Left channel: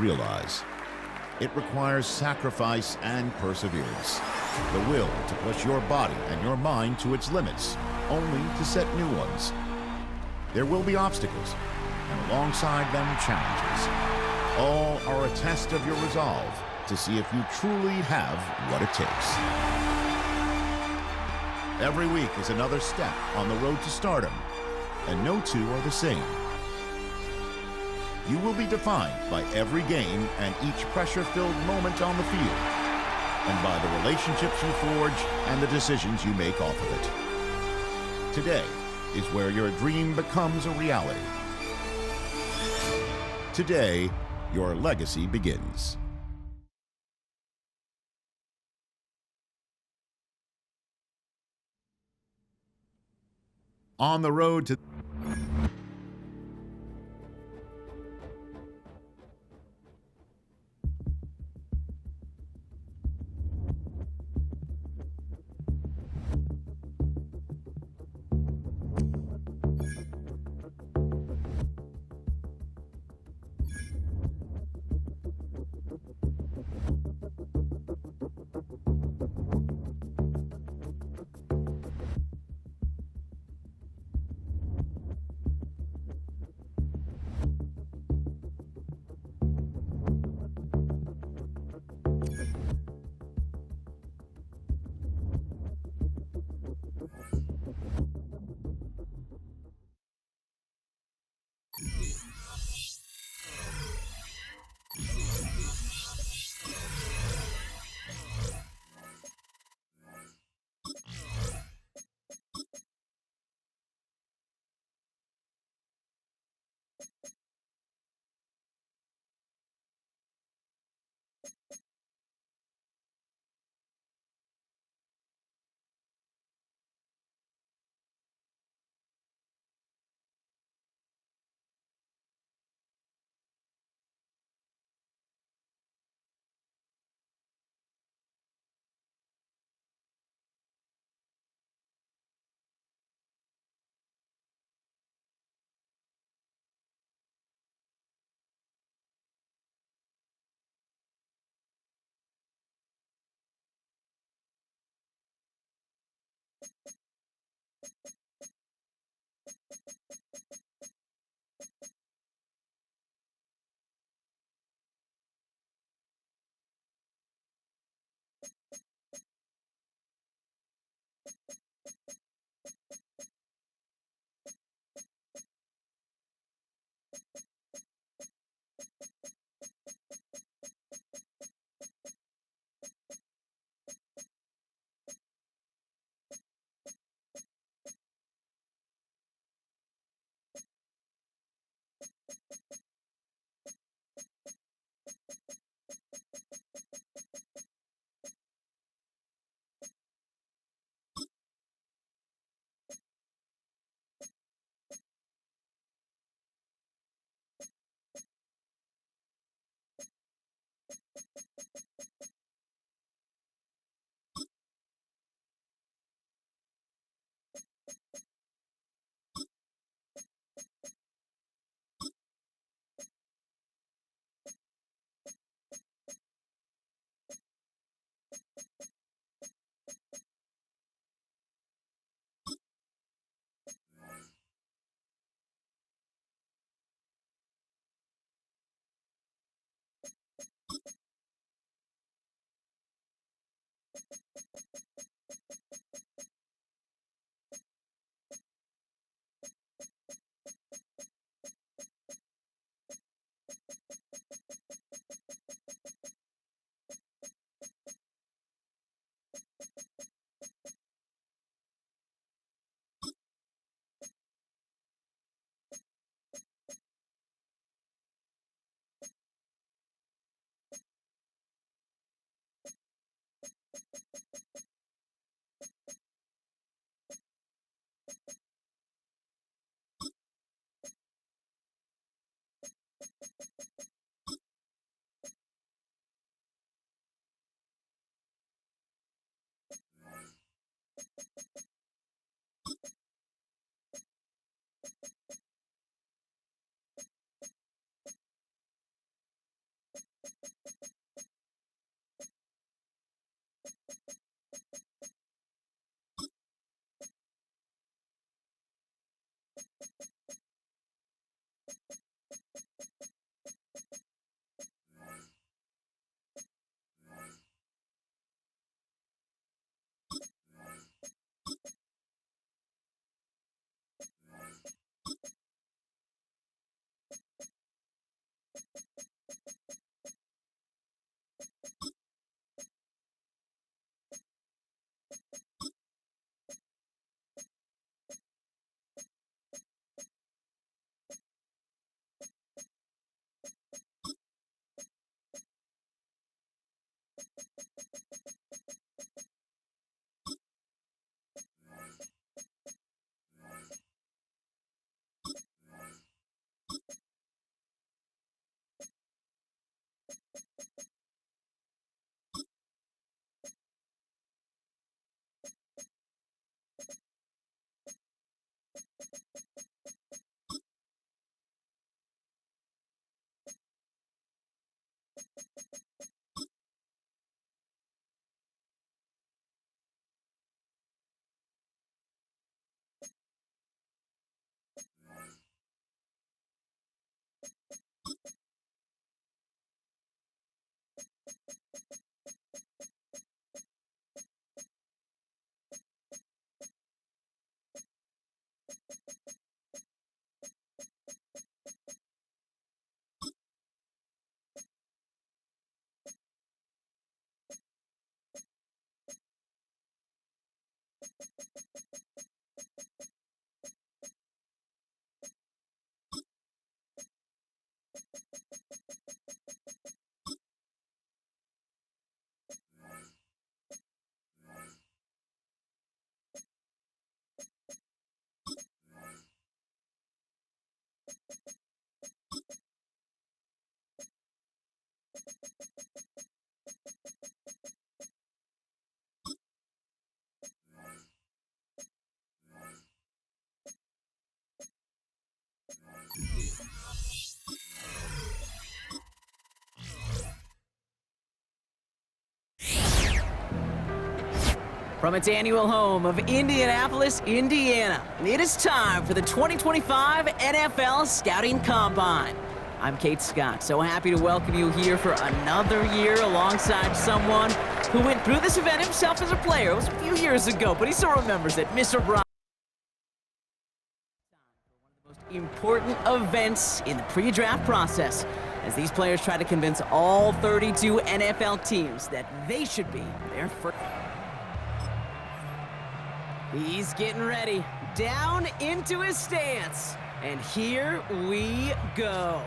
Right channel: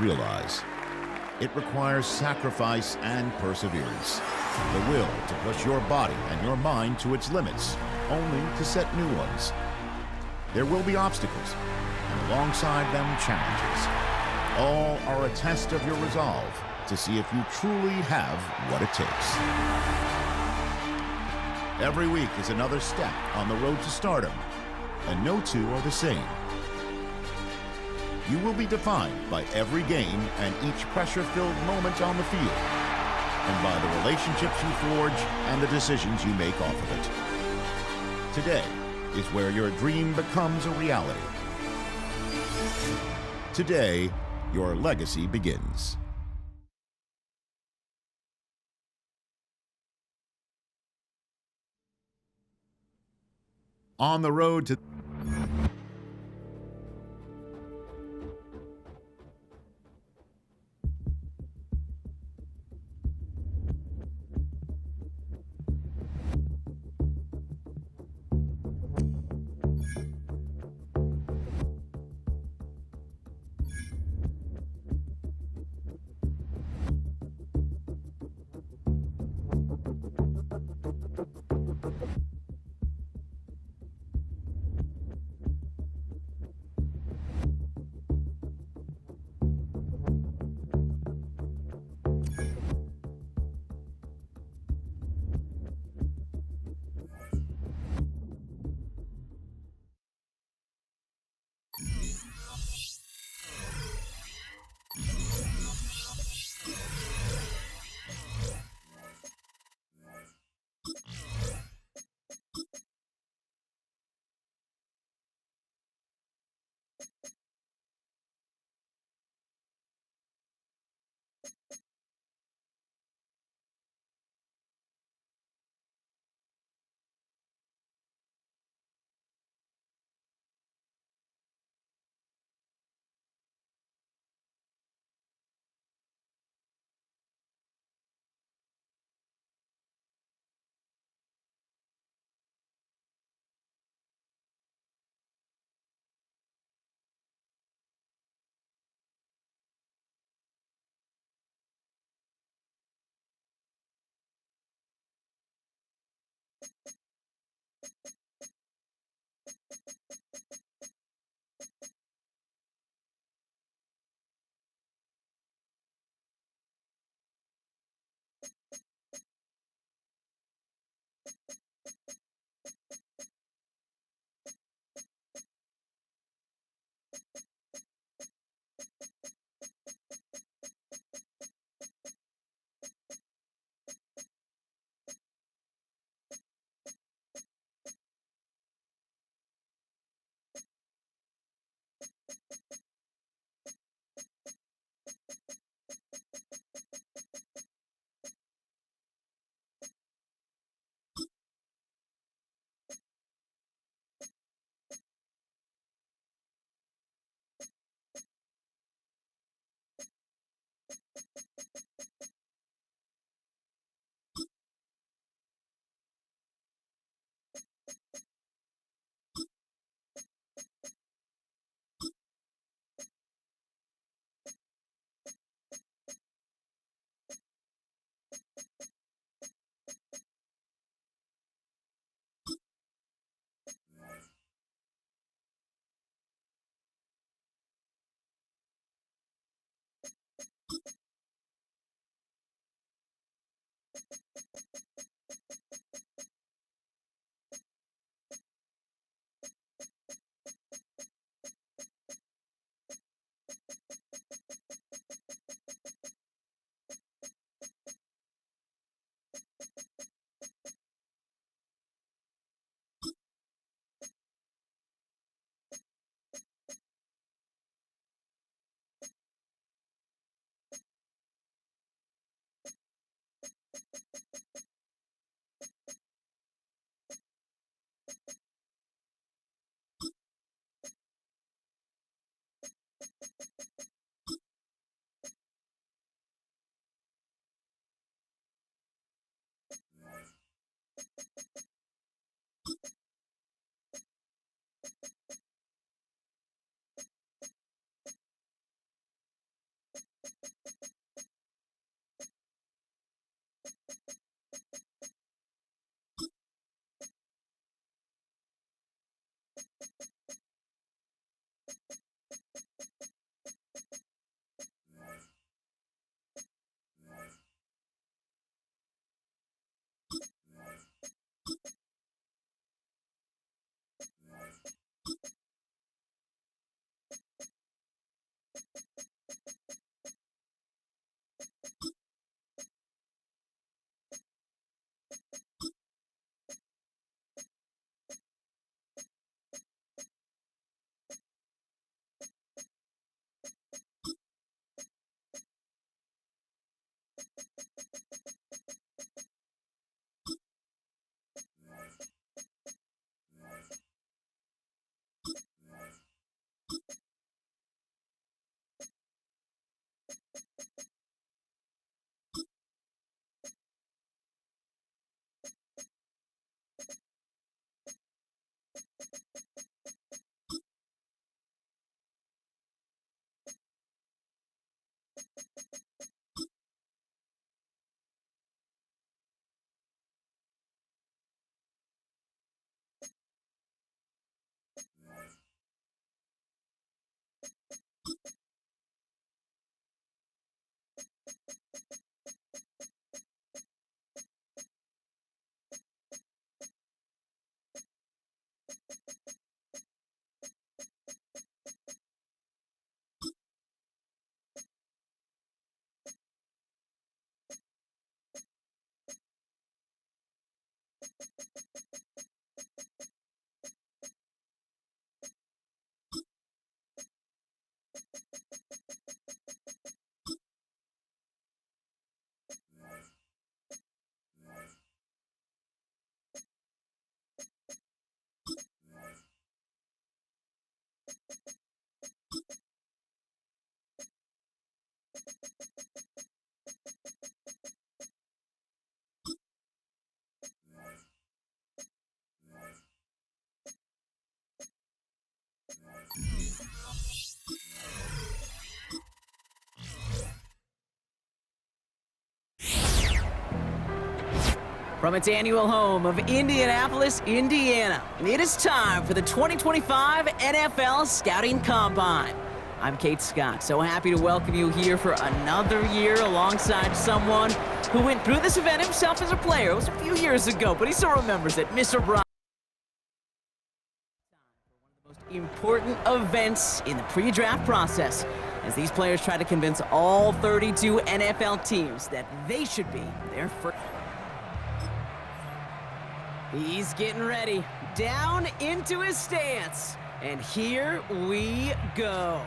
realize. It requires sacrifice and perseverance, the will to push your body and your mind to its limits, only to set new ones. There will be obstacles, and alongside them, challenges. All are a test of your resolve to see if you truly have what it takes. Every week is another step on the road to stardom, and no two are the same. You will be defined by every game and each pressure-filled moment on the field, and by the relationships you forge and the decisions you make off of it. Today is where your dream becomes a reality. Today, your legacy begins. On the road to From its annual home of Indianapolis, Indiana, it is time for the 2025 NFL Scouting Combine. I'm Kate Scott, so happy to welcome you here for another year alongside someone who went through this event himself as a player. It was a few years ago, but he still remembers it. Mr. Brian. One of the most important events in the pre-draft process, as these players try to convince all 32 NFL teams that they should be their first. He's getting ready, down into his stance, and here we go.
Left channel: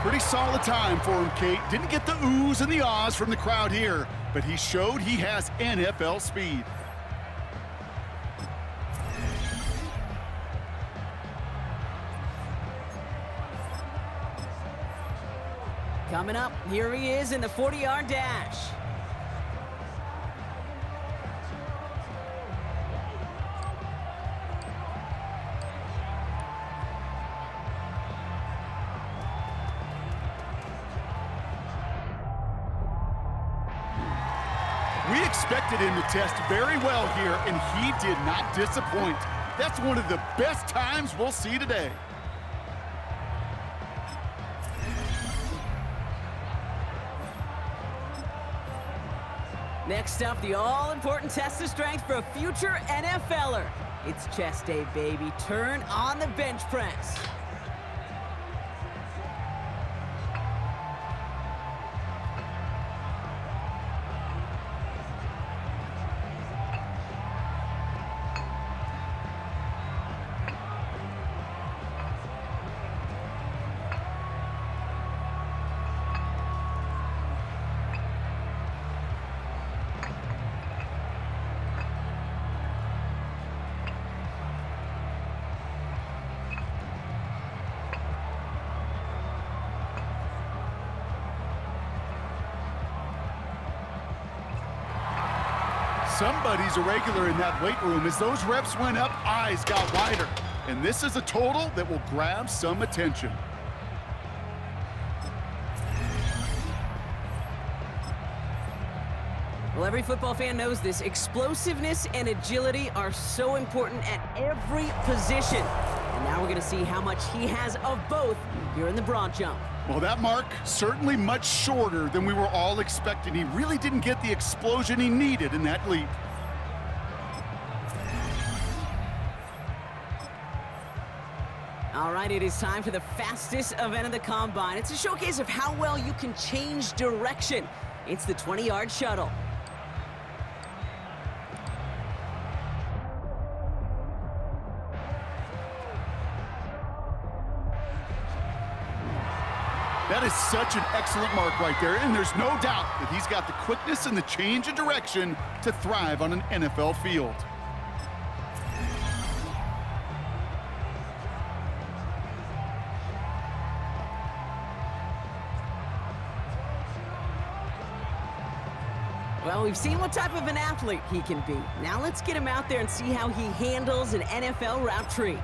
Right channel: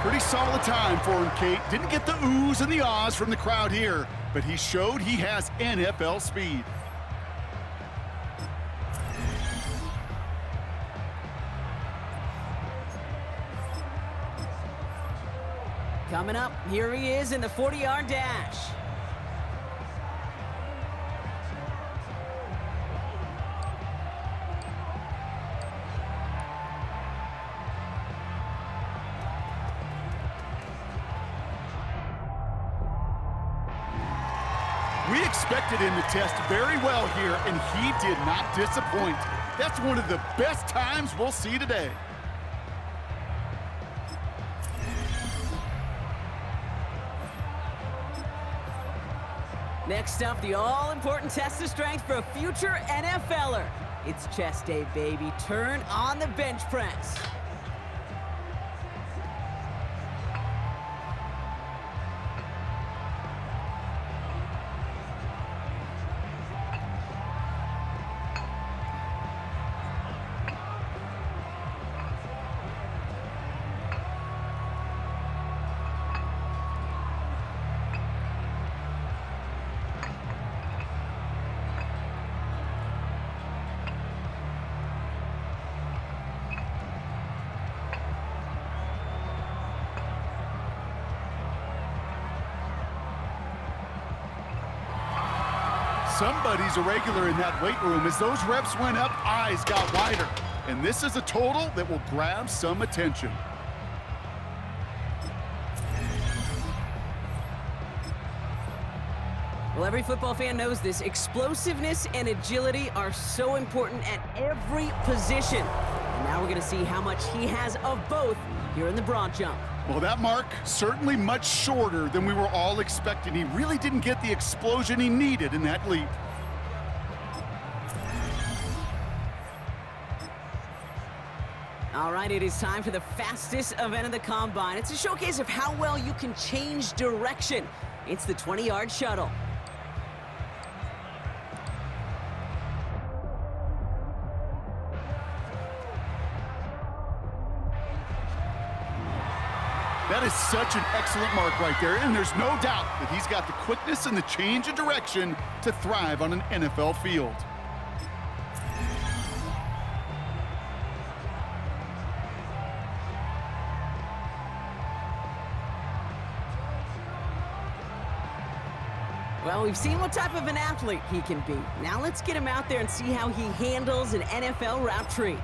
Pretty solid time for him, Kate. Didn't get the oohs and the ahs from the crowd here, but he showed he has NFL speed. Coming up, here he is in the 40-yard dash. We expected him to test very well here, and he did not disappoint. That's one of the best times we'll see today. Next up, the all-important test of strength for a future NFLer. It's chest day, baby. Turn on the bench press. somebody's a regular in that weight room. As those reps went up, eyes got wider. And this is a total that will grab some attention. Well, every football fan knows this. Explosiveness and agility are so important at every position. And now we're going to see how much he has of both here in the broad jump. Well, that mark certainly much shorter than we were all expecting. He really didn't get the explosion he needed in that leap. All right, it is time for the fastest event of the Combine. It's a showcase of how well you can change direction. It's the 20-yard shuttle. That is such an excellent mark right there, and there's no doubt that he's got the quickness and the change of direction to thrive on an NFL field. Well, we've seen what type of an athlete he can be. Now let's get him out there and see how he handles an NFL route tree.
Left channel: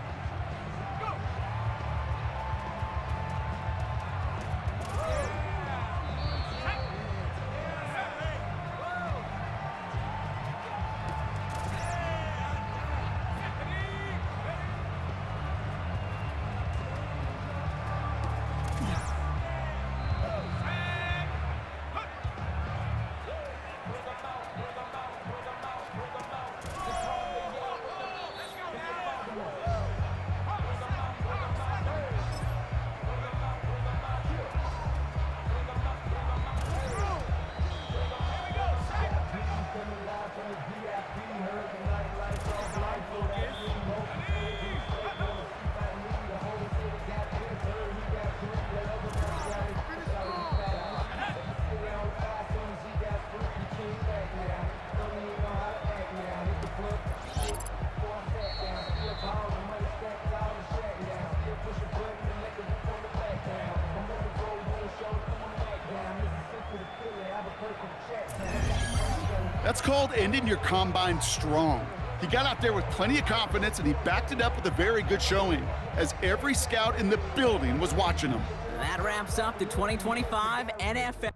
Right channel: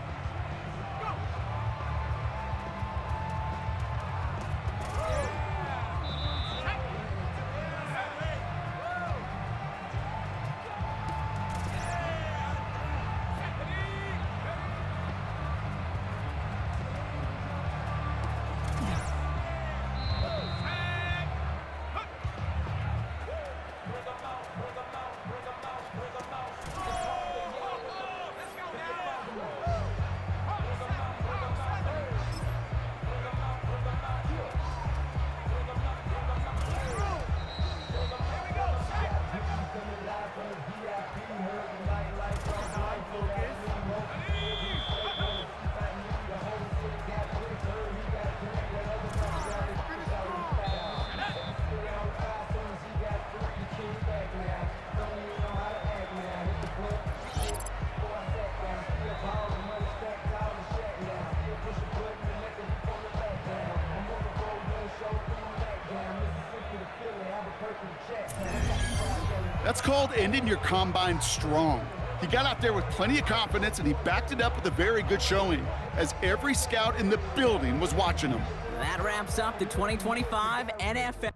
That's called ending your combine strong. He got out there with plenty of confidence, and he backed it up with a very good showing, as every scout in the building was watching him. That wraps up the 2025 NFL.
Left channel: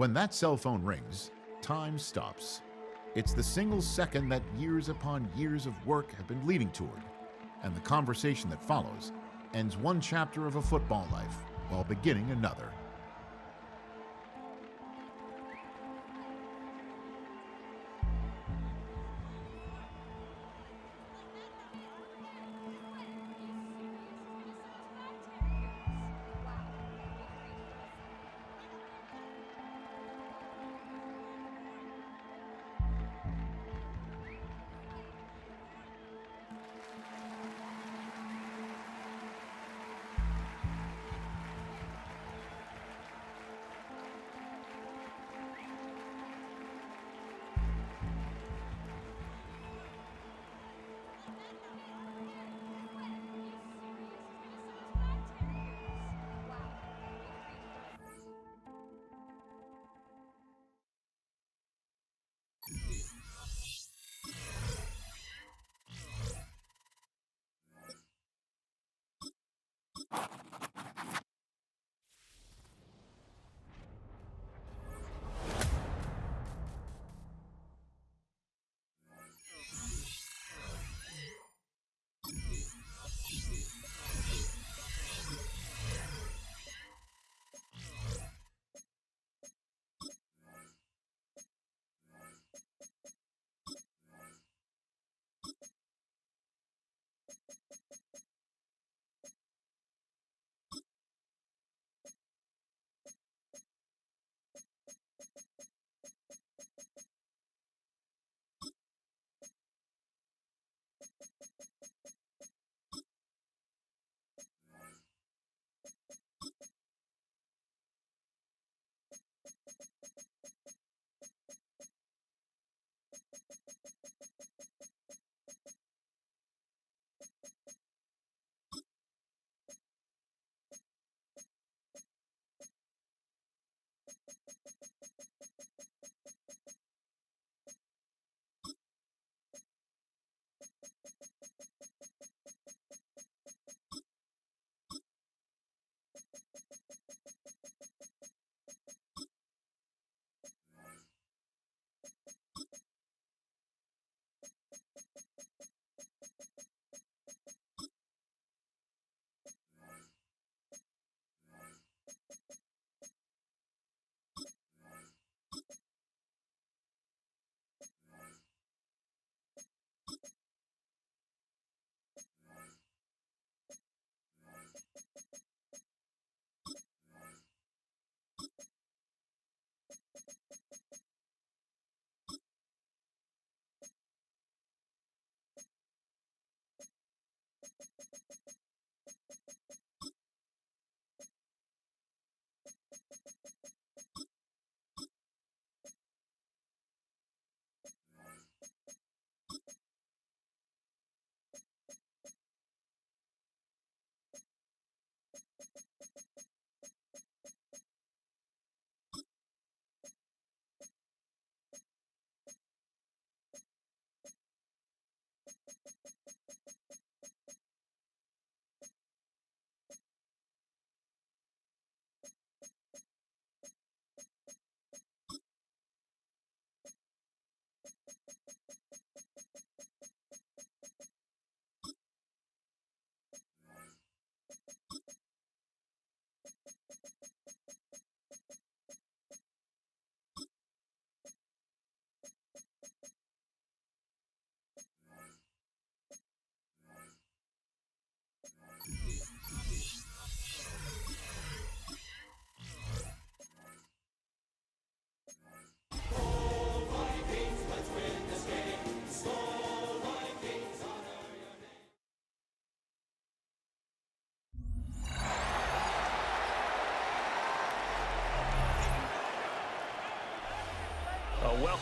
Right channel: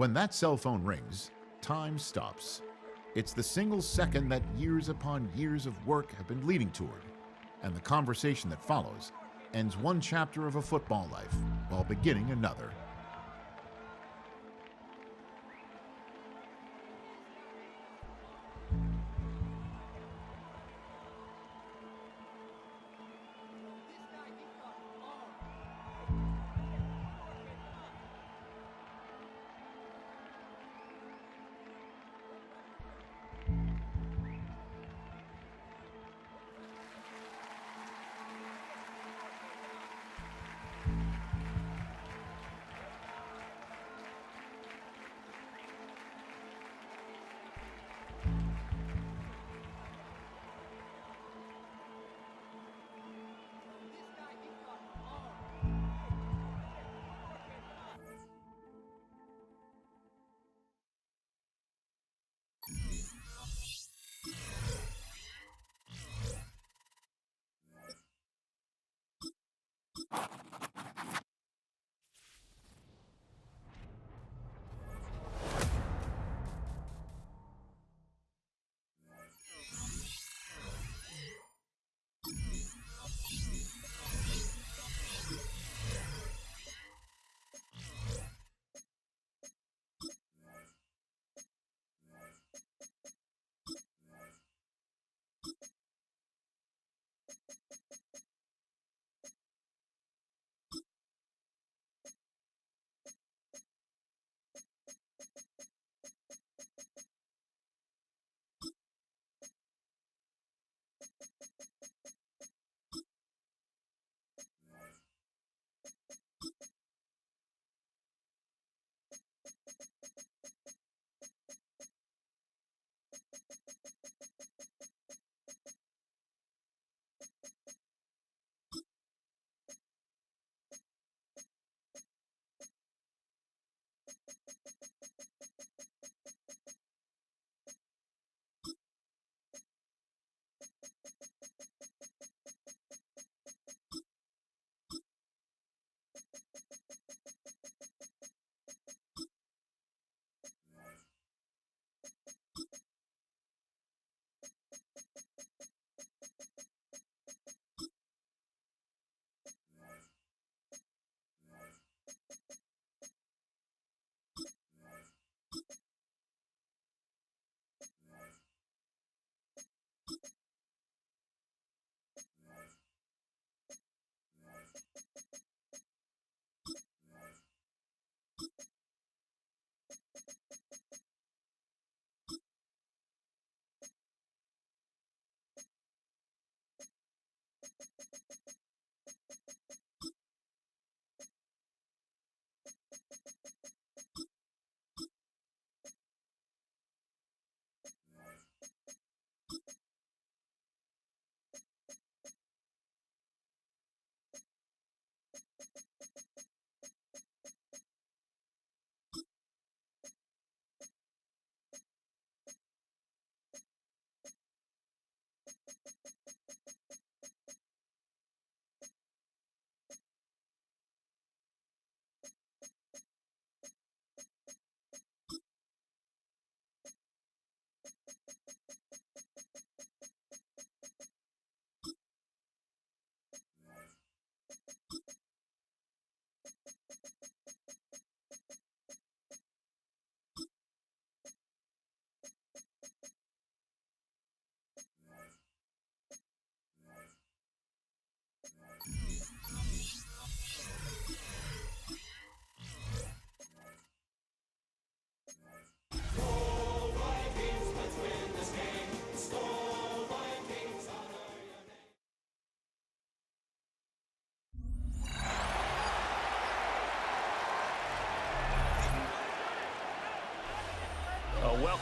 When that cell phone rings, time stops. It's the single second that years upon years of work have been leading toward, and the conversation that follows ends one chapter of a football life while beginning another.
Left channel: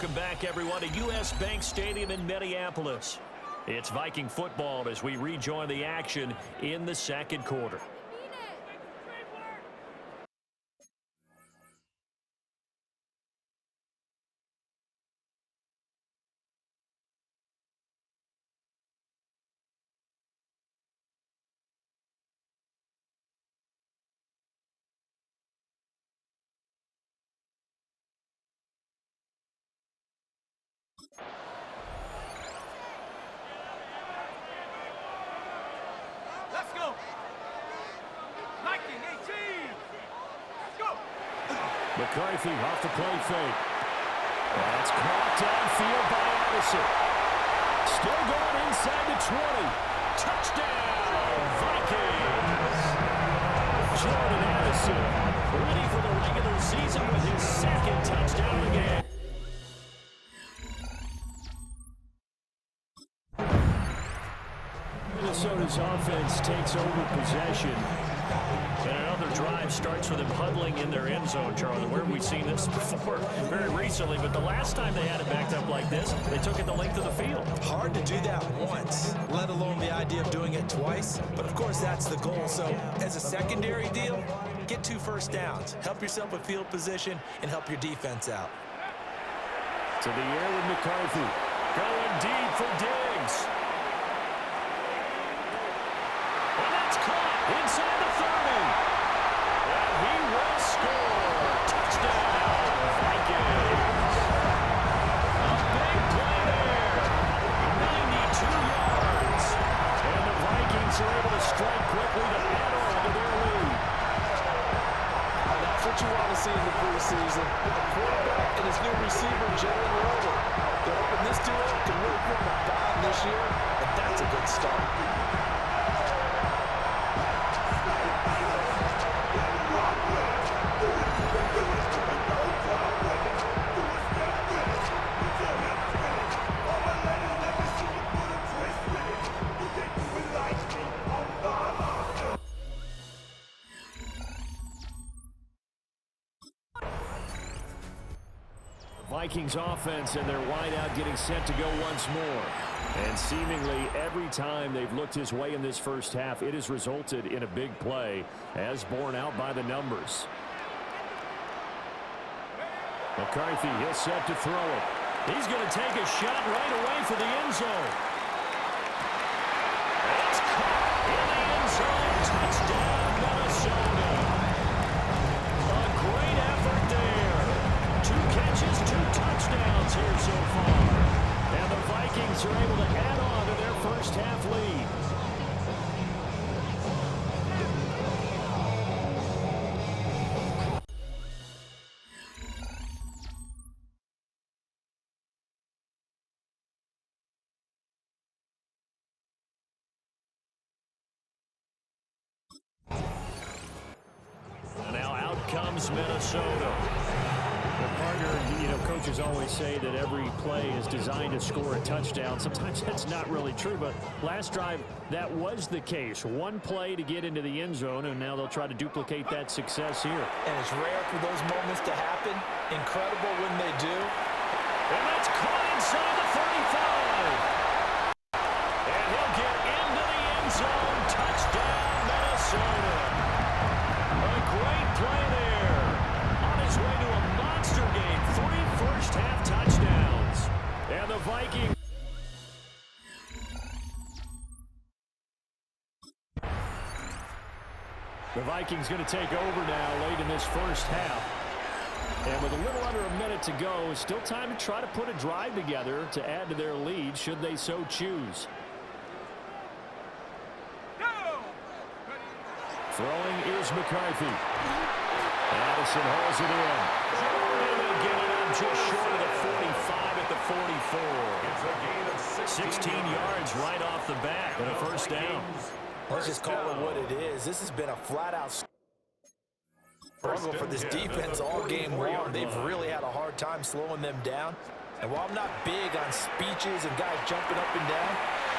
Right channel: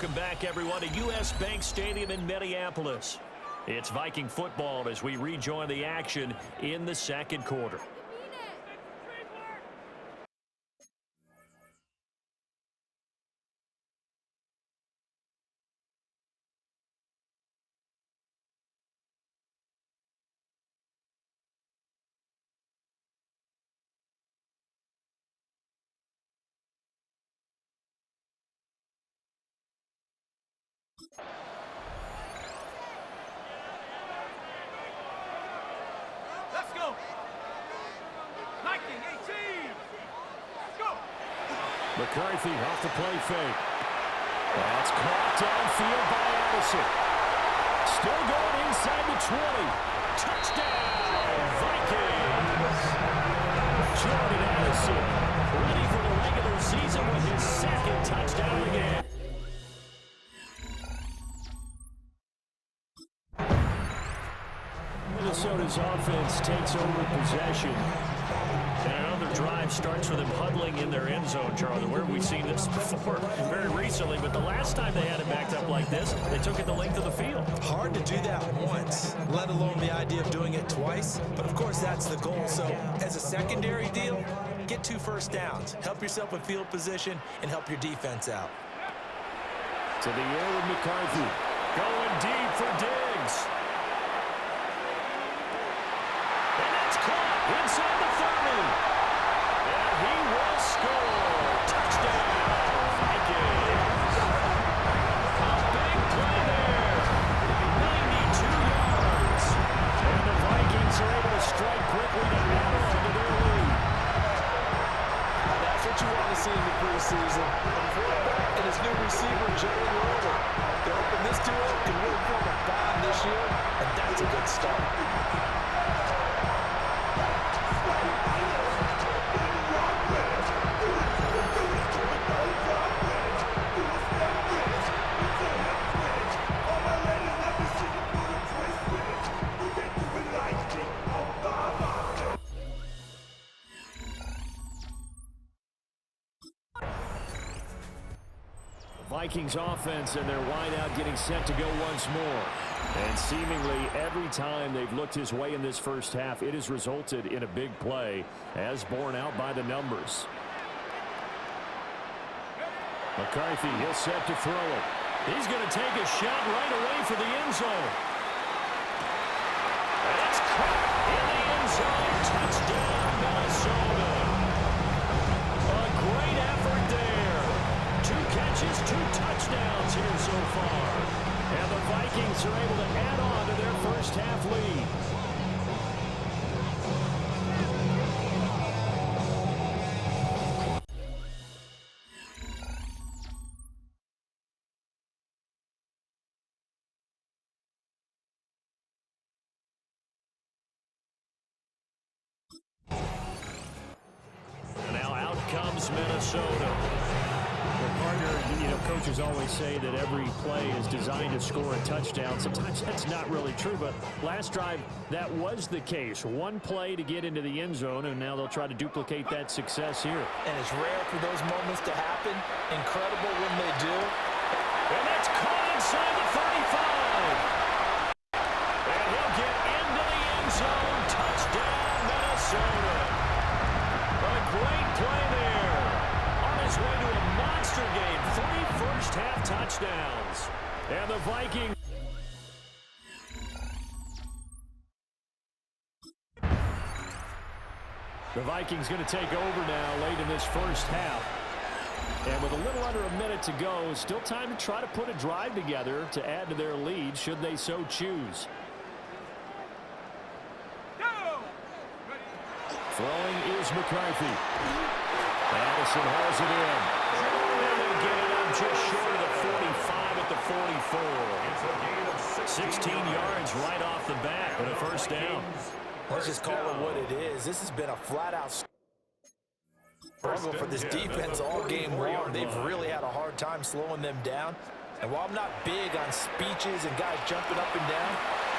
Welcome back, everyone, to U.S. Bank Stadium in Minneapolis. It's Viking football as we rejoin the action in the second quarter. Let's go! Viking 18! Go! McCarthy off the play fake. That's caught downfield by Addison. Still going inside the 20. Touchdown, Vikings! Jordan Addison ready for the regular season with his second touchdown again. Minnesota's offense takes over possession. And another drive starts with them huddling in their end zone, Charlie. Where have we seen this before? Very recently, but the last time they had it backed up like this, they took it the length of the field. Hard to do that once, let alone the idea of doing it twice. But, of course, that's the goal. So, as a secondary deal, get 2 first downs. Help yourself with field position and help your defense out. To the air with McCarthy. Going deep for Diggs. And that's caught inside the 30. And he will score. Touchdown, Vikings. A big play there. 92 yards. And the Vikings are able to strike quickly to add on to their lead. That's what you want to see in the preseason. A quarterback and his new receiver, Jalen Roller. They're hoping this duo can really form a bond this year, and that's a good start. Vikings offense and their wideout getting set to go once more. And seemingly every time they've looked his way in this first half, it has resulted in a big play as borne out by the numbers. McCarthy, he'll set to throw it. He's going to take a shot right away for the end zone. And it's caught in the end zone. Touchdown, Minnesota. A great effort there. 2 catches, 2 touchdowns here so far. And the Vikings are able to add on to their first half lead. And now out comes Minnesota. Well, partner, coaches always say that every play is designed to score a touchdown. Sometimes that's not really true, but last drive, that was the case. 1 play to get into the end zone, and now they'll try to duplicate that success here. And it's rare for those moments to happen. Incredible when they do. And that's caught inside the 35. And he'll get into the end zone. Touchdown, Minnesota. A great play there. On his way to a monster game. 3 first-half touchdowns. And the Vikings. The Vikings going to take over now late in this first half. And with a little under a minute to go, still time to try to put a drive together to add to their lead should they so choose. Throwing is McCarthy. Addison hauls it in. And they'll get it up just short of the 45 at the 44. It's a gain of 16 yards right off the bat and a first down. Let's just call it what it is. This has been a flat-out struggle for this defense all game long. They've really had a hard time slowing them down. And while I'm not big on speeches and guys jumping up and down,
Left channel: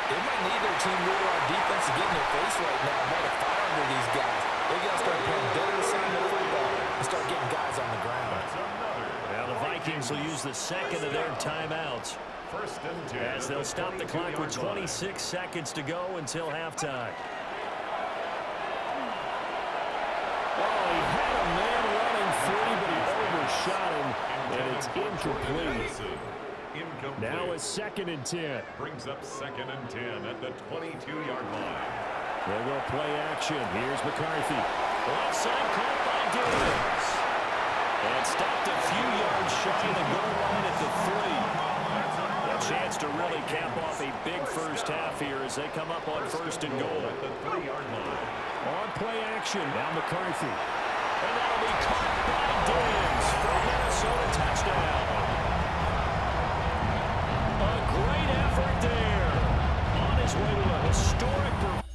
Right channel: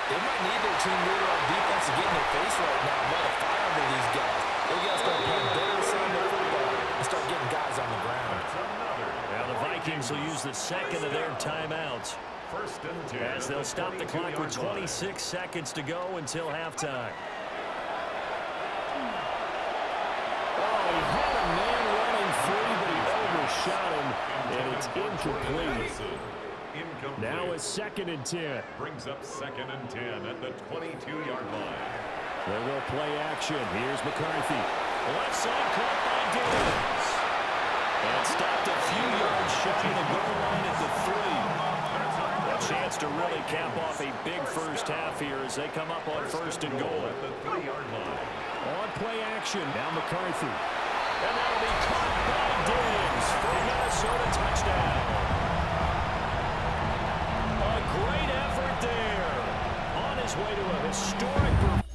they might need their team leader on defense to get in their face right now and light a fire under these guys. They got to start playing better assignment football and start getting guys on the ground. That's another Now the Vikings will use the second of their timeouts. First and 10 as they'll stop the clock with 26 seconds to go until halftime. Oh, he had a man running free, but he overshot him, and it's incomplete. Now it's 2nd and 10. Brings up 2nd and 10 at the 22-yard line. They'll go play action. Here's McCarthy. Left side caught by Diggs. And stopped a few yards shy of the goal line at the 3. A chance to really cap off a big first half here as they come up on 1st and goal. At the 3-yard line. On play action. Now McCarthy. And that'll be caught by Diggs for a Minnesota touchdown. A great effort there. On his way to a historic performance.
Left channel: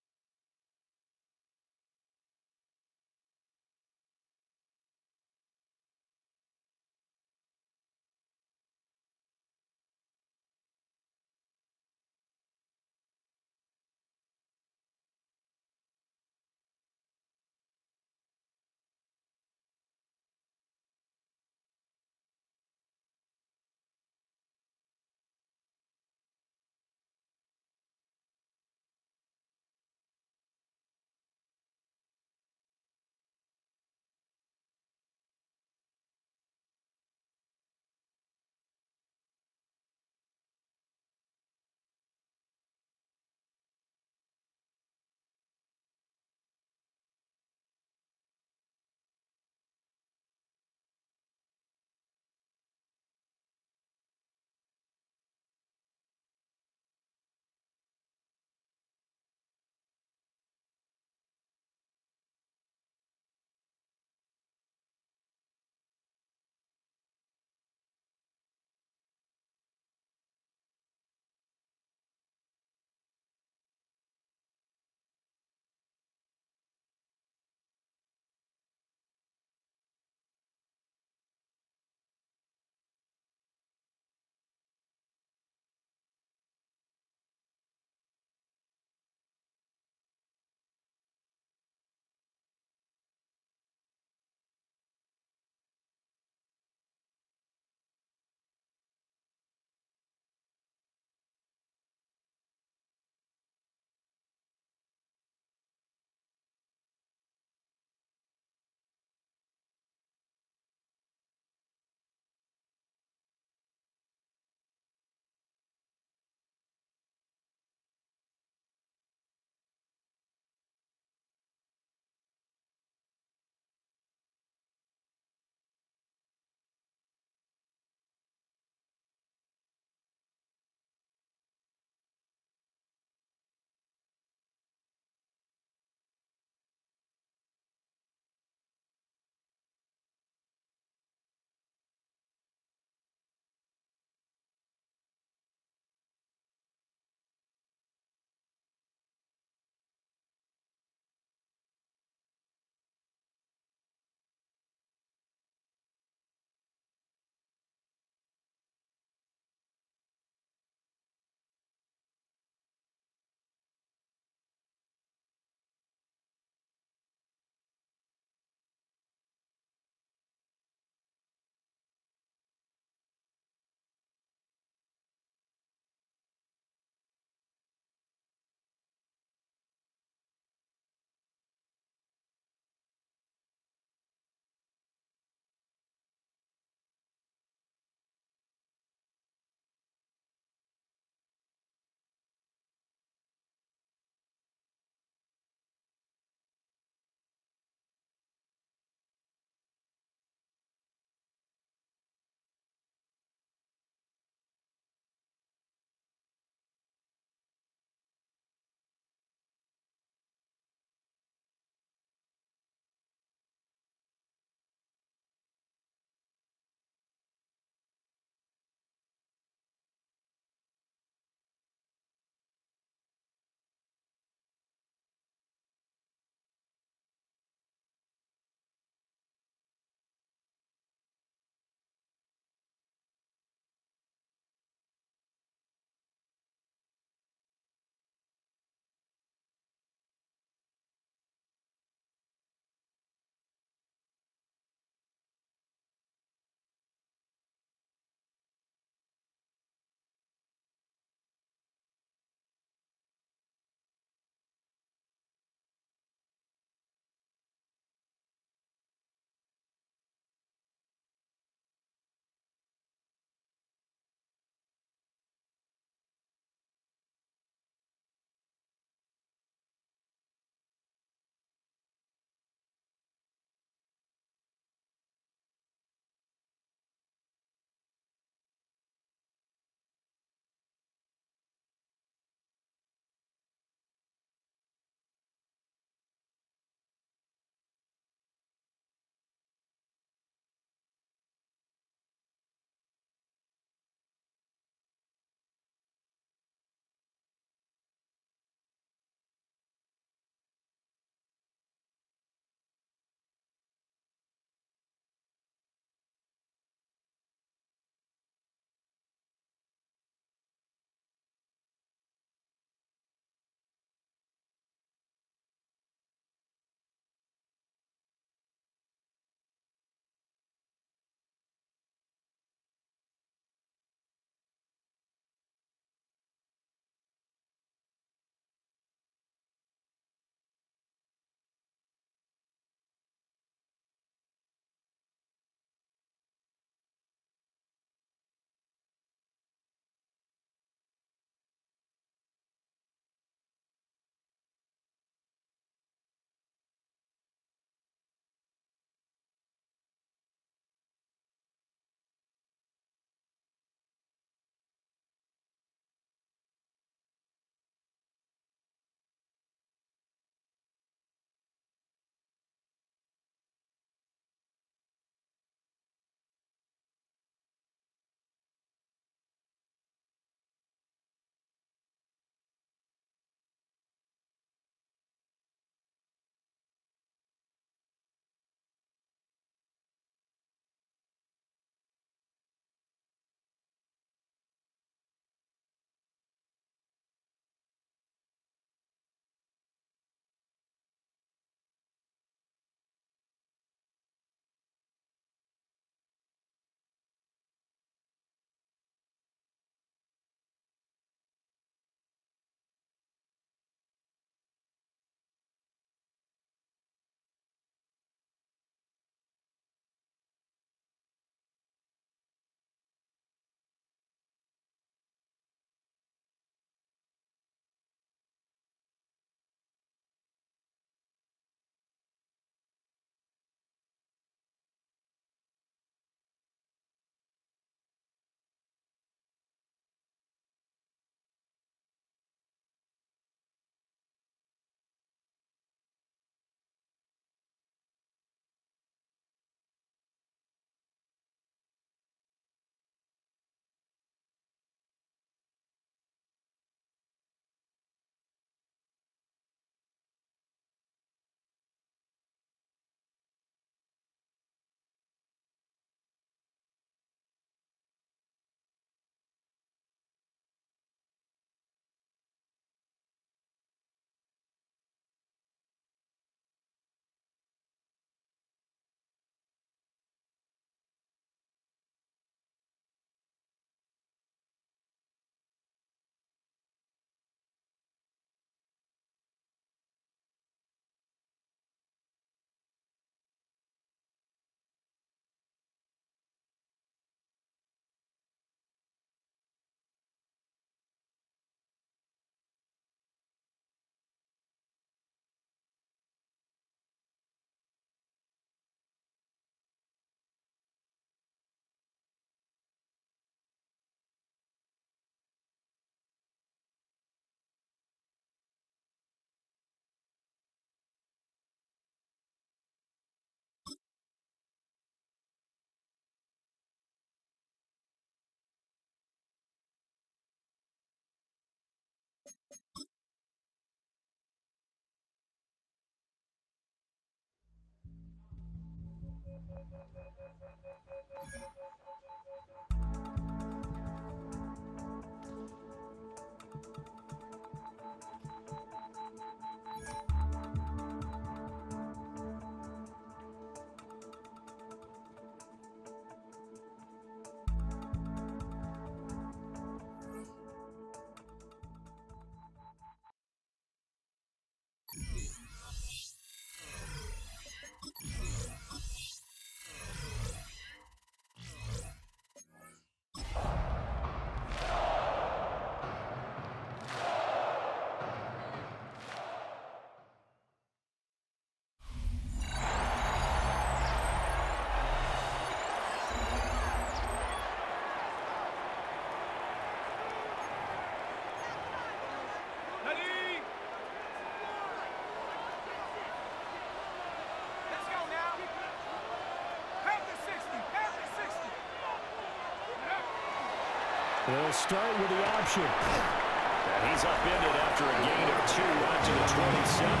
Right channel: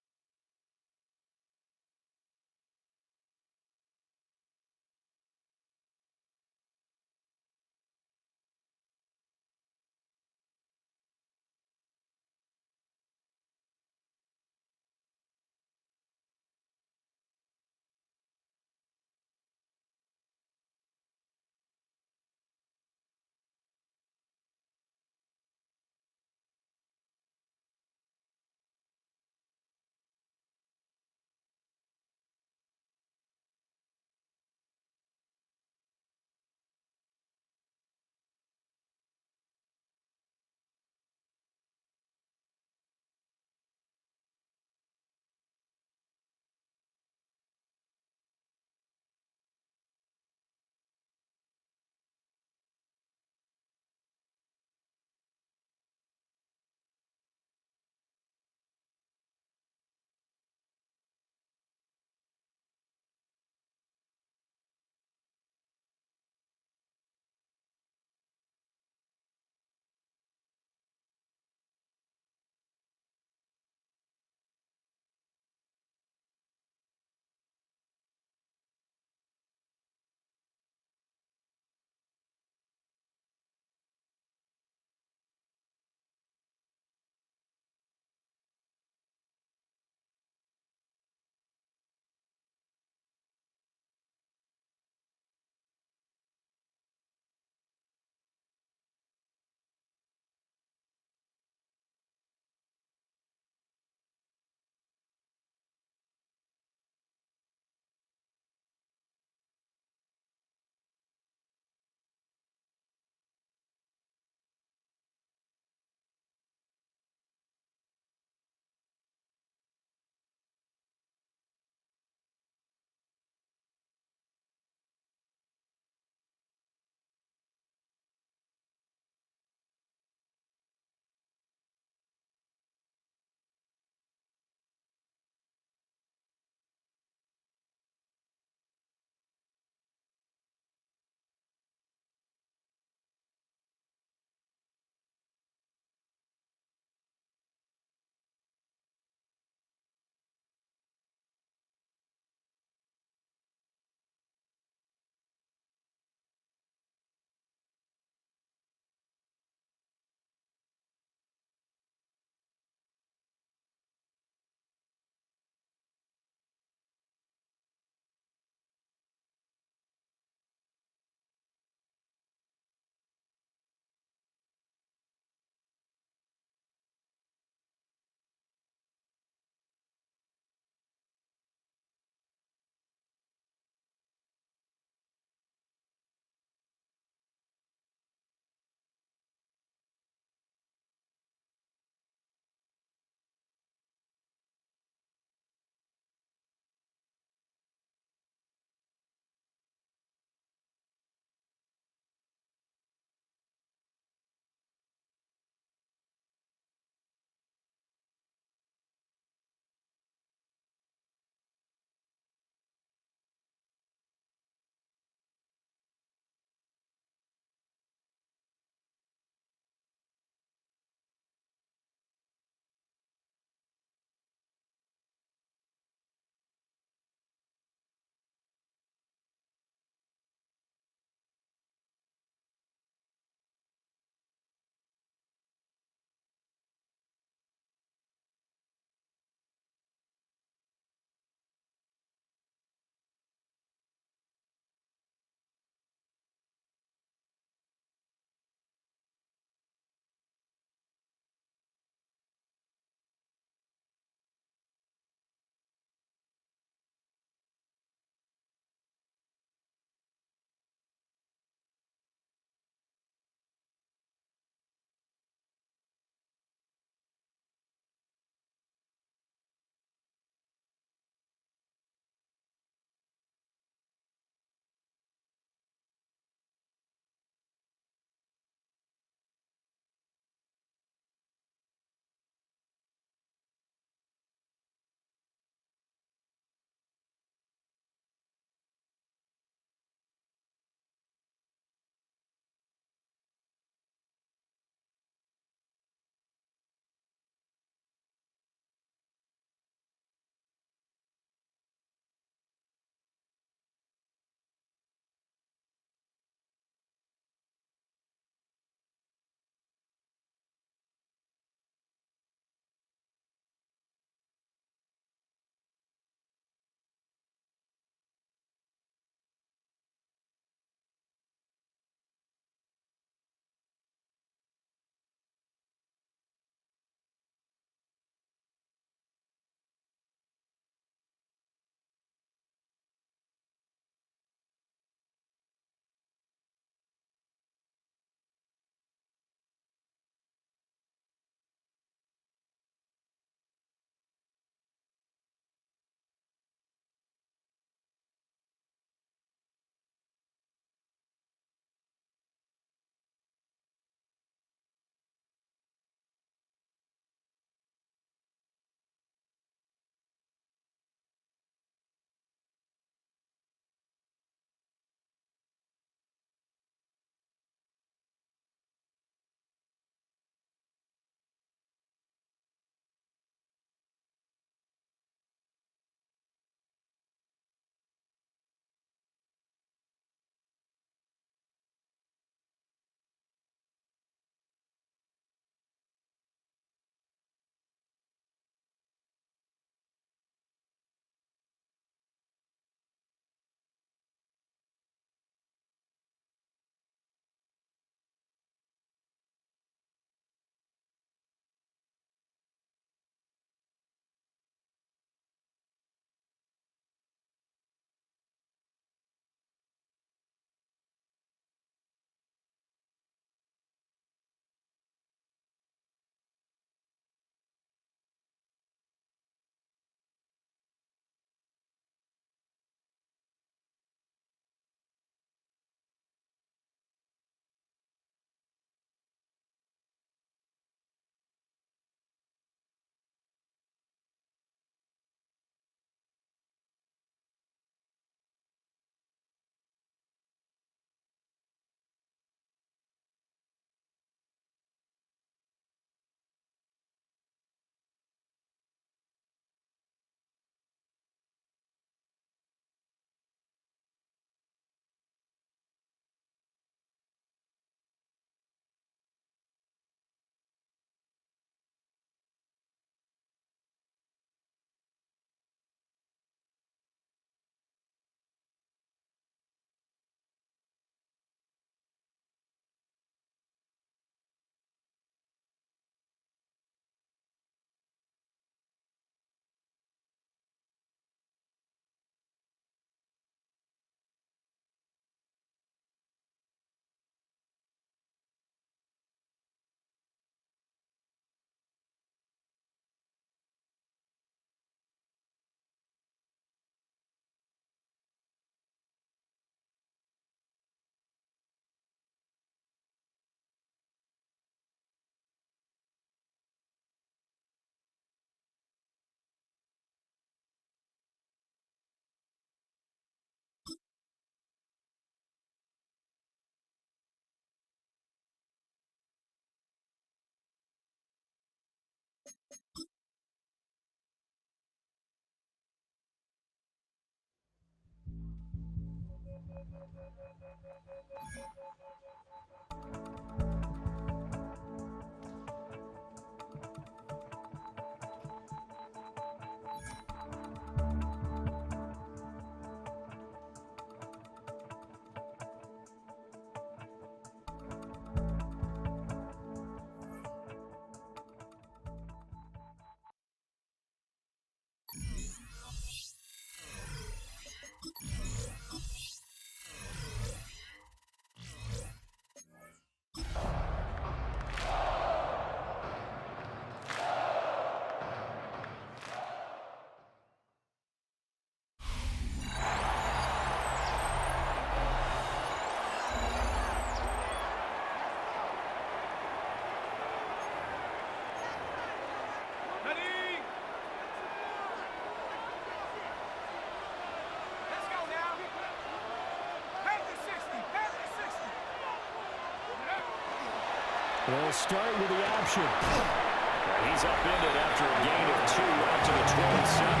They'll start with the option. And he's upended after a gain of 2 out to the 27.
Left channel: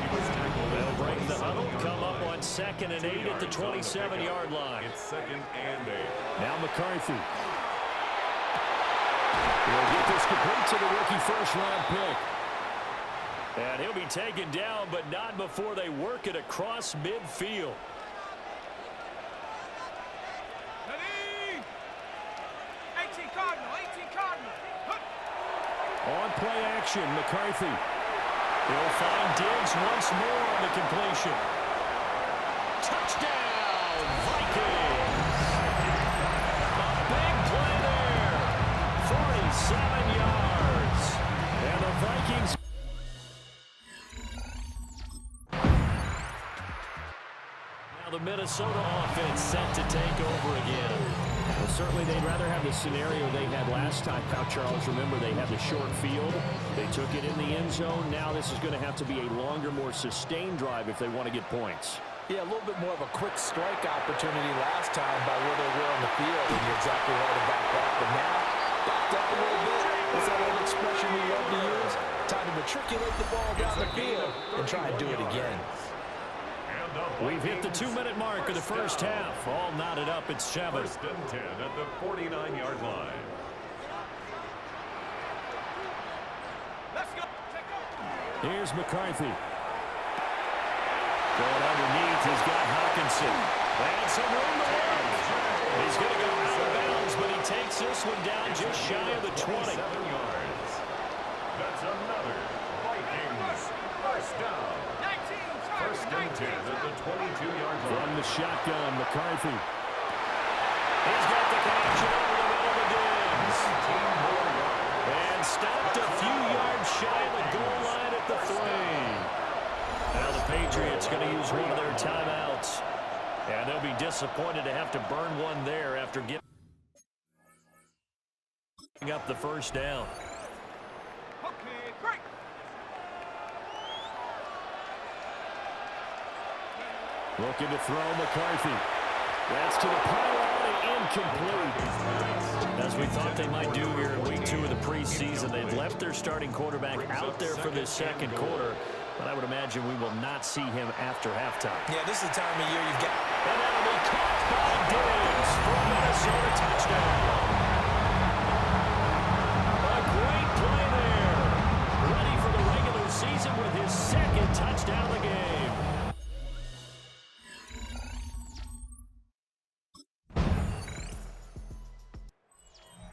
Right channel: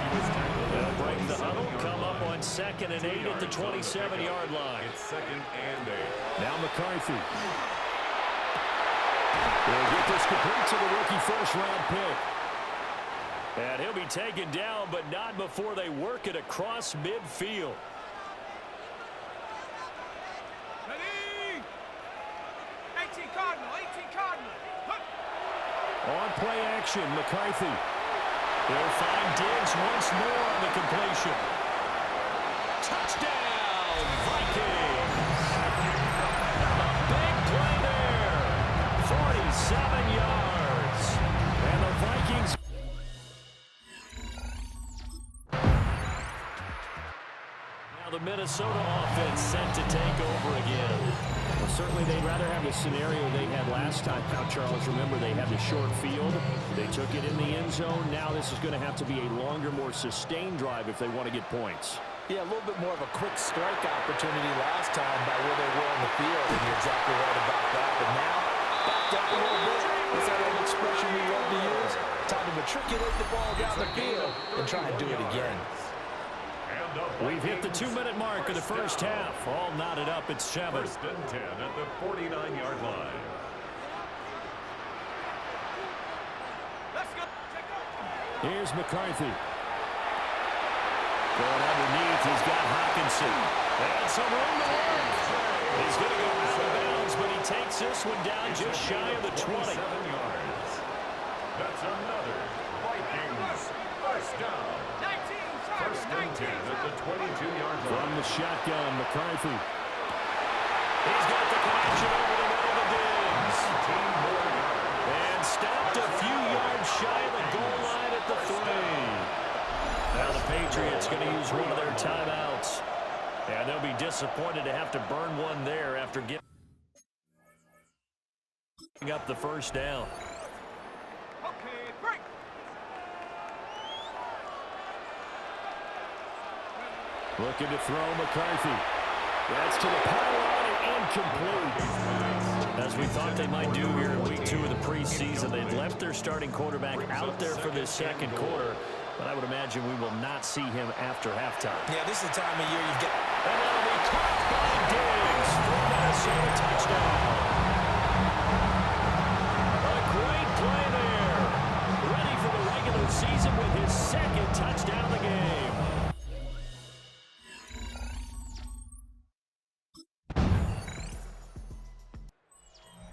He was tackled. They'll break the huddle, come up on 2nd and 8 at the 27-yard line. It's 2nd and 8. Now McCarthy. He'll get this complete to the rookie first-round pick. And he'll be taken down, but not before they work it across midfield. Ready? 18 Cardinal, 18 Cardinal. On play action, McCarthy. He'll find Diggs once more on the completion. Touchdown, Vikings! A big play there. 47 yards. And the Vikings... Now the Minnesota offense set to take over again. Well, certainly they'd rather have the scenario they had last time. Now, Charles, remember, they had the short field. They took it in the end zone. Now this is going to have to be a longer, more sustained drive if they want to get points. Yeah, a little bit more of a quick strike opportunity last time by where they were on the field, and you're exactly right about that. But now, backed up a little bit. What's that old expression we love to use? Time to matriculate the ball down the field and try and do it again. We've hit the 2-minute mark of the first half. All knotted up at 7. 1st and 10 at the 49-yard line. Let's go. Take off. Here's McCarthy. Going underneath, he's got Hawkinson. And some room to work. He's going to go out of bounds, but he takes this one down just shy of the 20. 7 yards. That's another Vikings first down. 19, 1st and 10 at the 22-yard line. From the shotgun, McCarthy. He's got the connection over the middle to Diggs. 18 more yards. And stopped a few yards shy of the goal line at the 3. Now the Patriots going to use one of their timeouts. And they'll be disappointed to have to burn one there after giving up the first down. Okay, break. Looking to throw McCarthy. That's to the pylon and incomplete. As we thought they might do here in week 2 of the preseason, they've left their starting quarterback out there for this second quarter. But I would imagine we will not see him after halftime. Yeah, this is the time of year you've got... And that'll be caught by Diggs for a Minnesota touchdown. A great play there. Ready for the regular season with his 2nd touchdown of the game.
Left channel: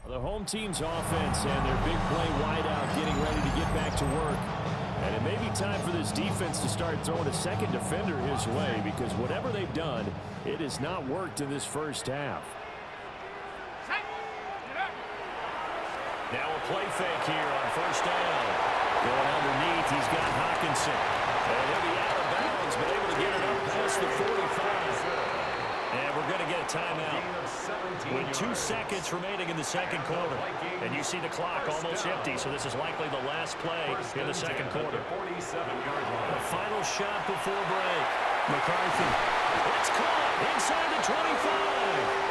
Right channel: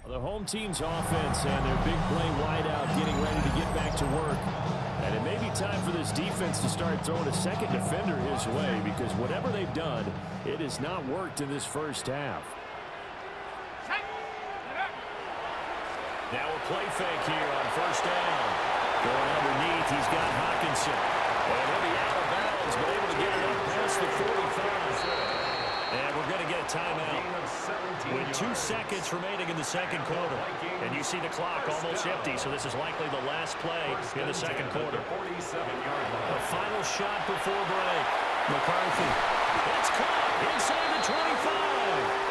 The home team's offense and their big play wideout getting ready to get back to work. And it may be time for this defense to start throwing a second defender his way, because whatever they've done, it has not worked in this first half. Now a play fake here on first down. Going underneath, he's got Hawkinson. And he'll be out of bounds, but able to get it up past the 45. And we're going to get a timeout with 2 seconds remaining in the second quarter. And you see the clock almost empty, so this is likely the last play in the second quarter. The final shot before break. McCarthy. It's caught inside the 25.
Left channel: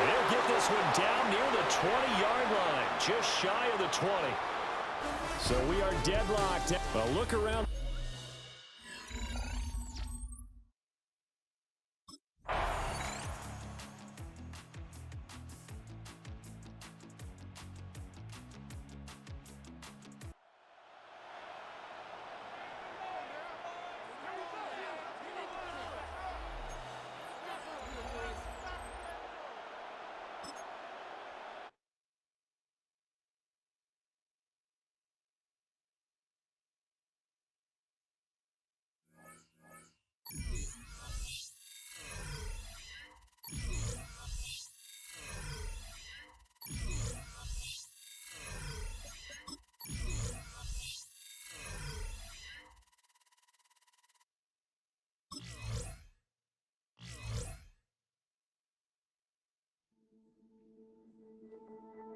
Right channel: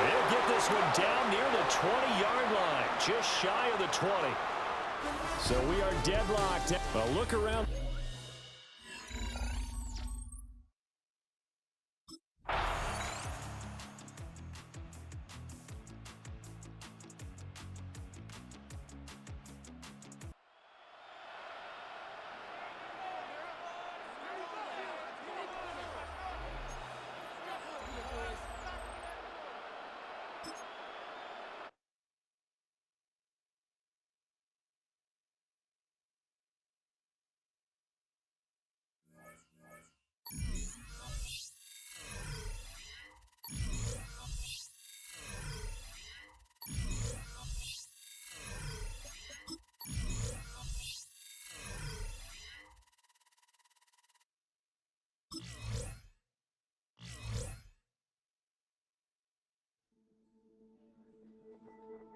They'll get this one down near the 20-yard line, just shy of the 20. So we are deadlocked. A look around.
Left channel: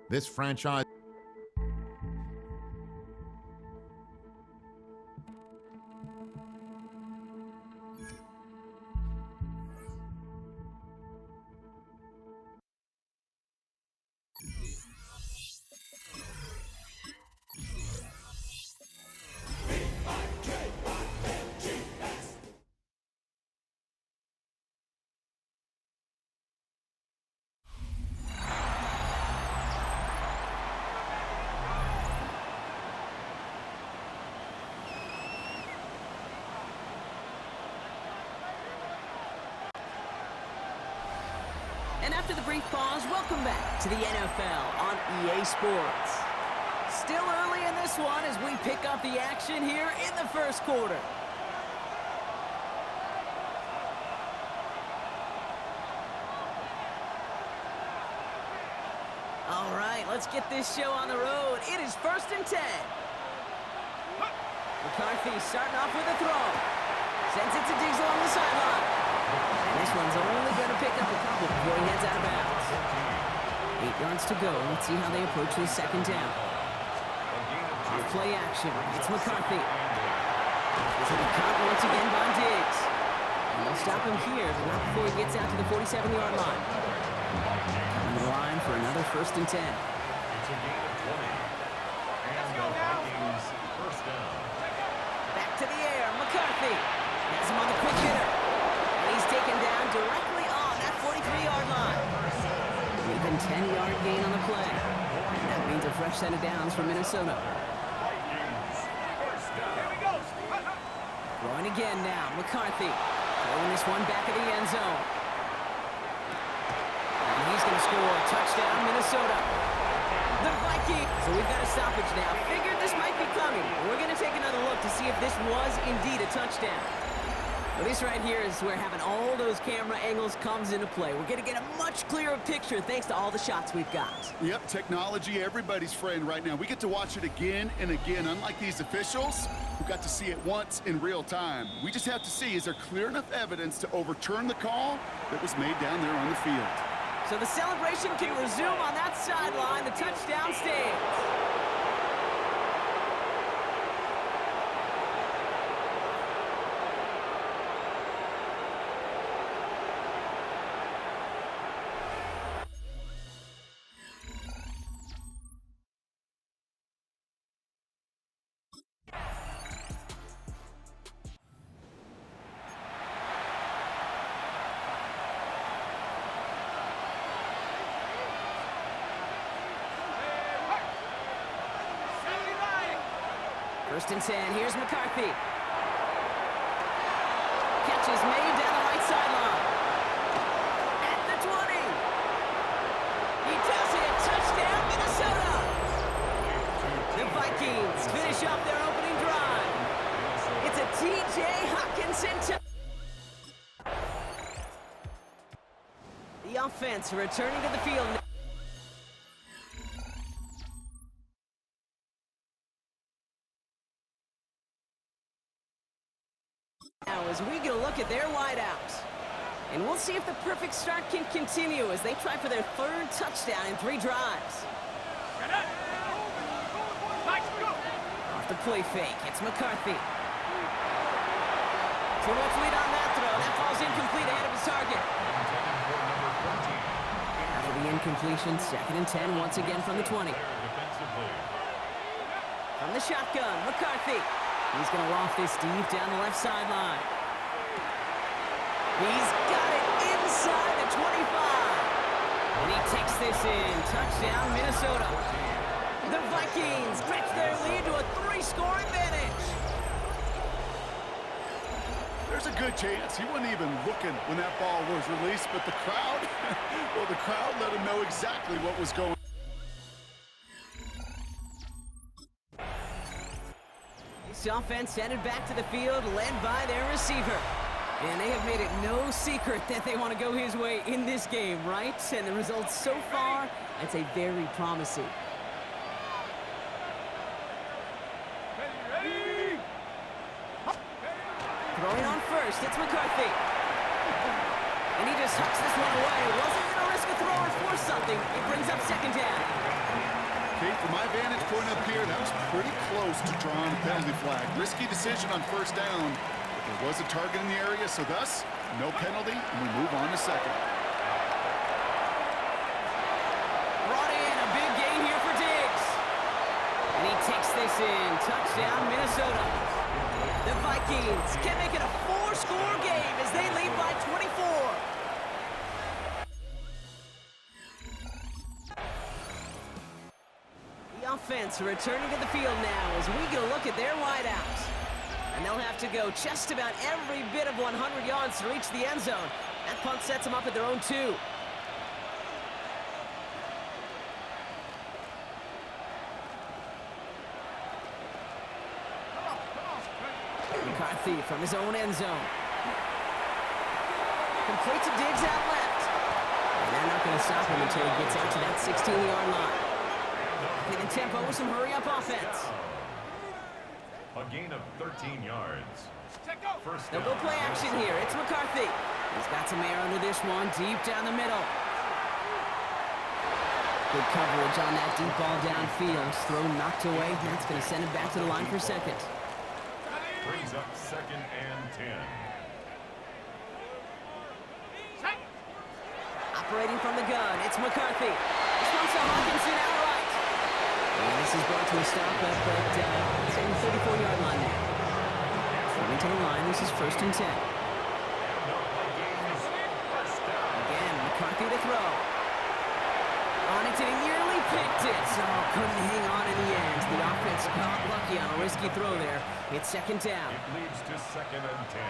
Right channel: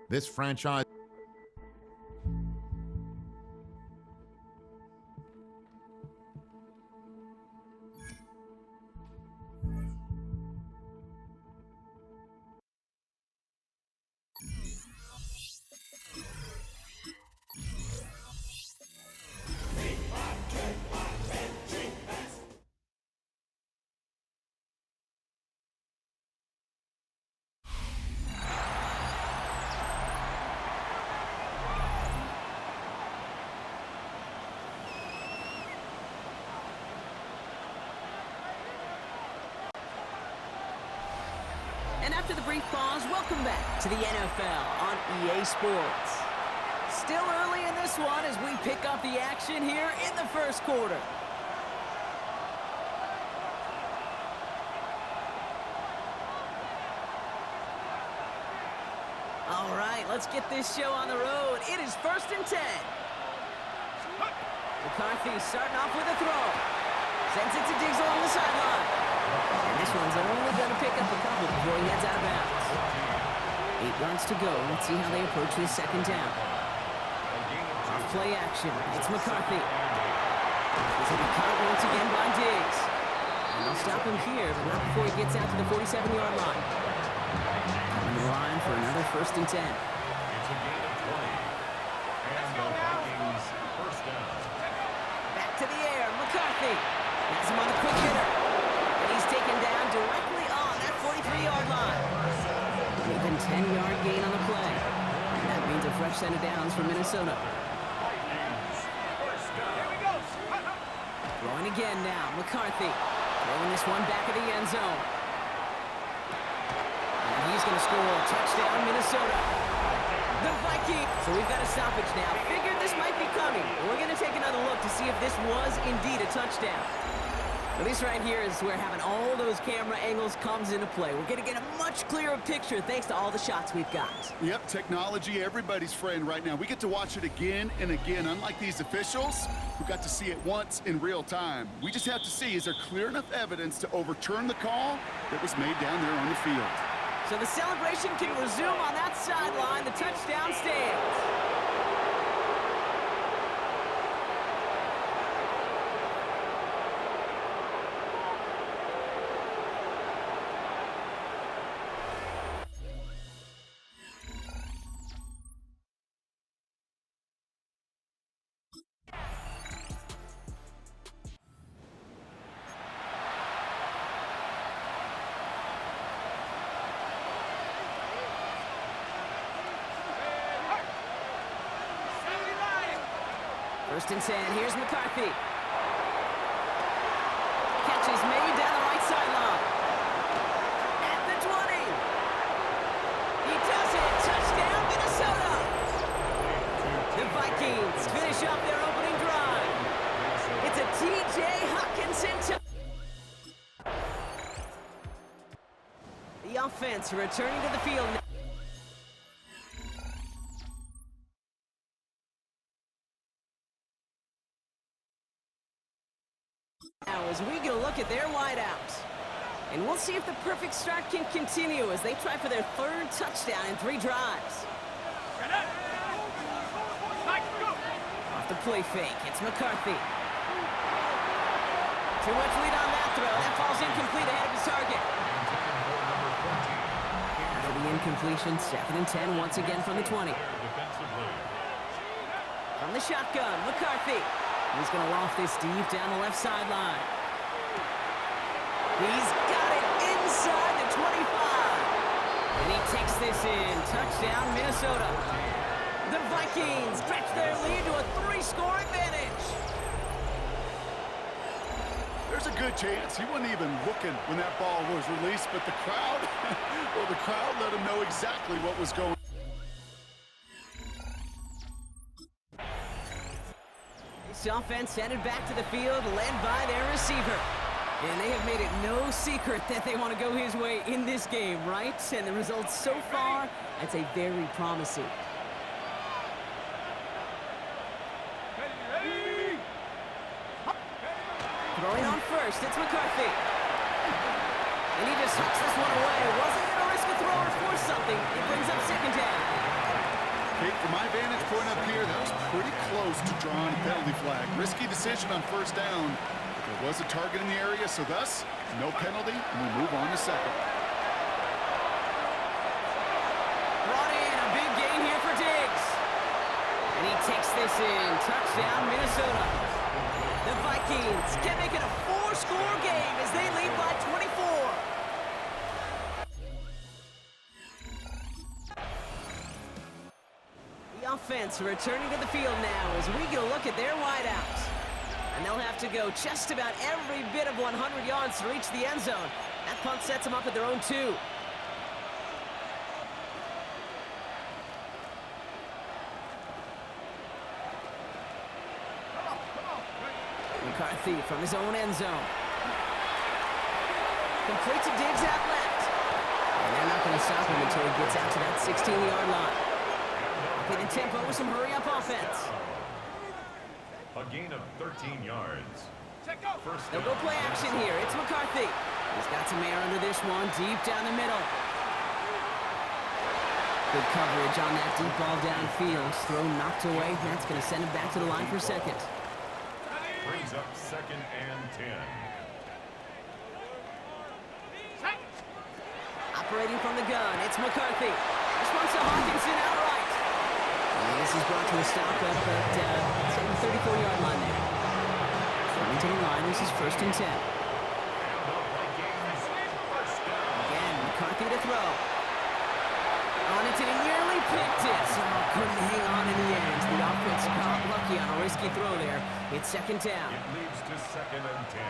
This franchise And after the brief pause, welcome back to the NFL on EA Sports. Still early in this one as we pick up the action here in the first quarter. All right, let's get this show on the road. It is 1st and 10. McCarthy starting off with a throw. Sends it to Diggs along the sideline. And this one's only going to pick up a couple before he heads out of bounds. 8 yards to go. Let's see how they approach this second down. Off play action. It's McCarthy. It's a cut once again by Diggs. And they'll stop him here, but not before he gets out to the 47-yard line. Coming to the line for another 1st and 10. It's a gain of 20. And the Vikings first down. Back to the air. McCarthy has him on the quick hitter. And he's taken down directly on that 43-yard line. An even 10-yard gain on the play. And that means a fresh set of downs for Minnesota. Throwing again now. McCarthy throwing this one back of the end zone. And he's going to score a touchdown, Minnesota. The Vikings. So we've got a stoppage now. Figured this might be coming. We're going to take another look to see if this was indeed a touchdown. Well, this right here is where having all those camera angles comes into play. We're going to get a much clearer picture thanks to all the shots we've got. Yep, technology, everybody's friend right now. We get to watch it again and again. Unlike these officials, who got to see it once in real time. We just have to see, is there clear enough evidence to overturn the call that was made down there on the field? So the celebration can resume on that sideline. The touchdown stands. First and 10, here's McCarthy. Catch is made down the right sideline. At the 20. He does it. Touchdown, Minnesota. The Vikings finish up their opening drive. It's a T.J. Hockenson. The offense returning to the field. Now as we get a look at their wideouts. And we'll see if the perfect start can continue as they try for their 3rd touchdown in 3 drives. Off the play fake, it's McCarthy. Too much lead on that throw. That falls incomplete ahead of his target. After the incompletion, 2nd and 10 once again from the 20. From the shotgun, McCarthy. He's going to loft this deep down the left sideline. He's got it inside the 25. And he takes this in. Touchdown, Minnesota. The Vikings stretch their lead to a 3-score advantage. There's a good chance he wasn't even looking when that ball was released, but the crowd, well, the crowd let him know exactly what was going on. This offense headed back to the field, led by their receiver. And they have made it no secret that they want to go his way in this game, right? And the results so far, I'd say very promising. Ready. Throwing on first, it's McCarthy. And he just hucks this one away. Wasn't going to risk a throw or force something. It brings up 2nd down. Kate, from my vantage point up here, that was pretty close to drawing a penalty flag. Risky decision on 1st down. There was a target in the area, so thus, no penalty, and we move on to 2nd. Brought in a big gain here for Diggs. And he takes this in. Touchdown, Minnesota. The Vikings can make it a 4-score game as they lead by 24. The offense returning to the field now as we get a look at their wideouts. And they'll have to go just about every bit of 100 yards to reach the end zone. That punt sets them up at their own 2. McCarthy from his own end zone. Complete to Diggs out left. And they're not going to stop him until he gets out to that 16-yard line. Upping the tempo with some hurry-up offense. A gain of 13 yards. First They'll go play action here. It's McCarthy. He's got some air under this one, deep down the middle. Good coverage on that deep ball downfield. Throw knocked away. That's going to send him back to the line for second. Brings up 2nd and 10. Operating from the gun, it's McCarthy. This one's to Hawkinson outright. And this is brought to a stop up at the 34-yard line there. Coming to the line, this is 1st and 10. Again, McCarthy to throw. On it, and he nearly picked it. So couldn't hang on in the end. The offense got lucky on a risky throw there. It's 2nd down. It leads to 2nd and 10.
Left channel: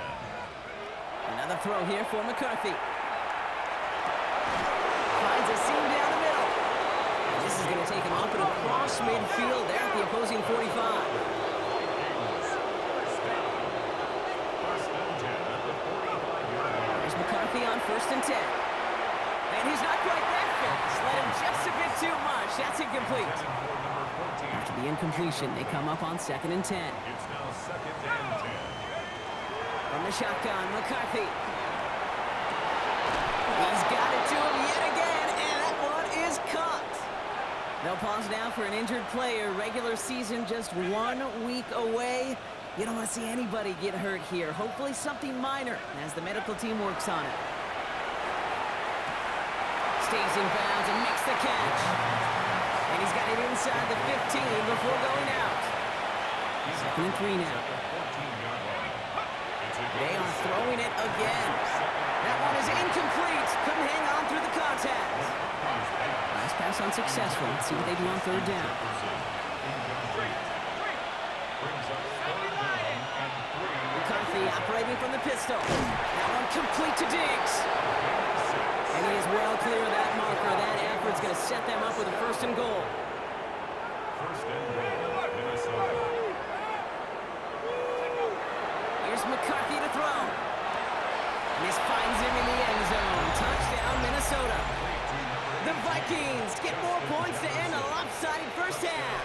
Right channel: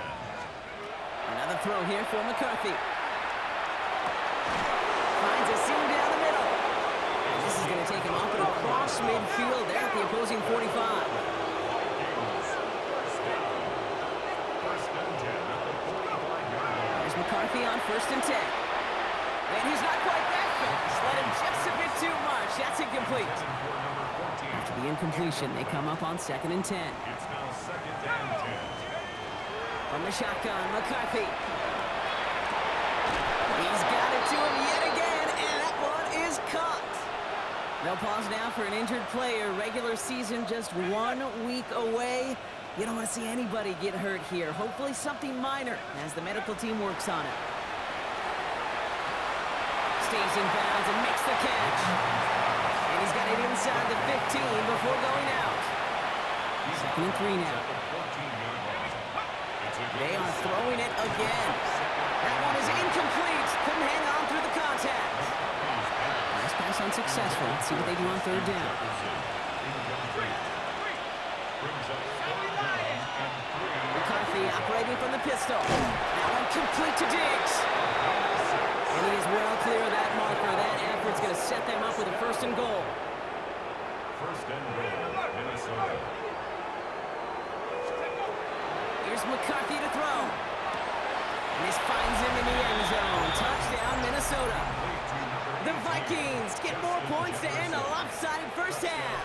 Another throw here for McCarthy. Finds a seam down the middle. And this is going to take him up and across midfield there at the opposing 45. First and 10 at the 45-yard line. There's McCarthy on 1st and 10. And he's not quite that fast. Let him just a bit too much. That's incomplete. After the incompletion, they come up on 2nd and 10. It's now 2nd and 10. From the shotgun, McCarthy. He's got it to him yet again, and that one is caught. They'll pause now for an injured player. Regular season just 1 week away. You don't want to see anybody get hurt here. Hopefully something minor as the medical team works on it. Stays in bounds and makes the catch. And he's got it inside the 15 before going out. 2nd and 3 now. They are throwing it again. That one is incomplete. Couldn't hang on through the contact. Nice pass unsuccessful. Let's see what they do on 3rd down. McCarthy operating from the pistol. That one complete to Diggs. And he is well clear of that marker. That effort's going to set them up with a 1st and goal. 1st and goal, Minnesota. Here's McCarthy to throw. And this finds him in the end zone. Touchdown, Minnesota. The Vikings get more points to end a lopsided first half.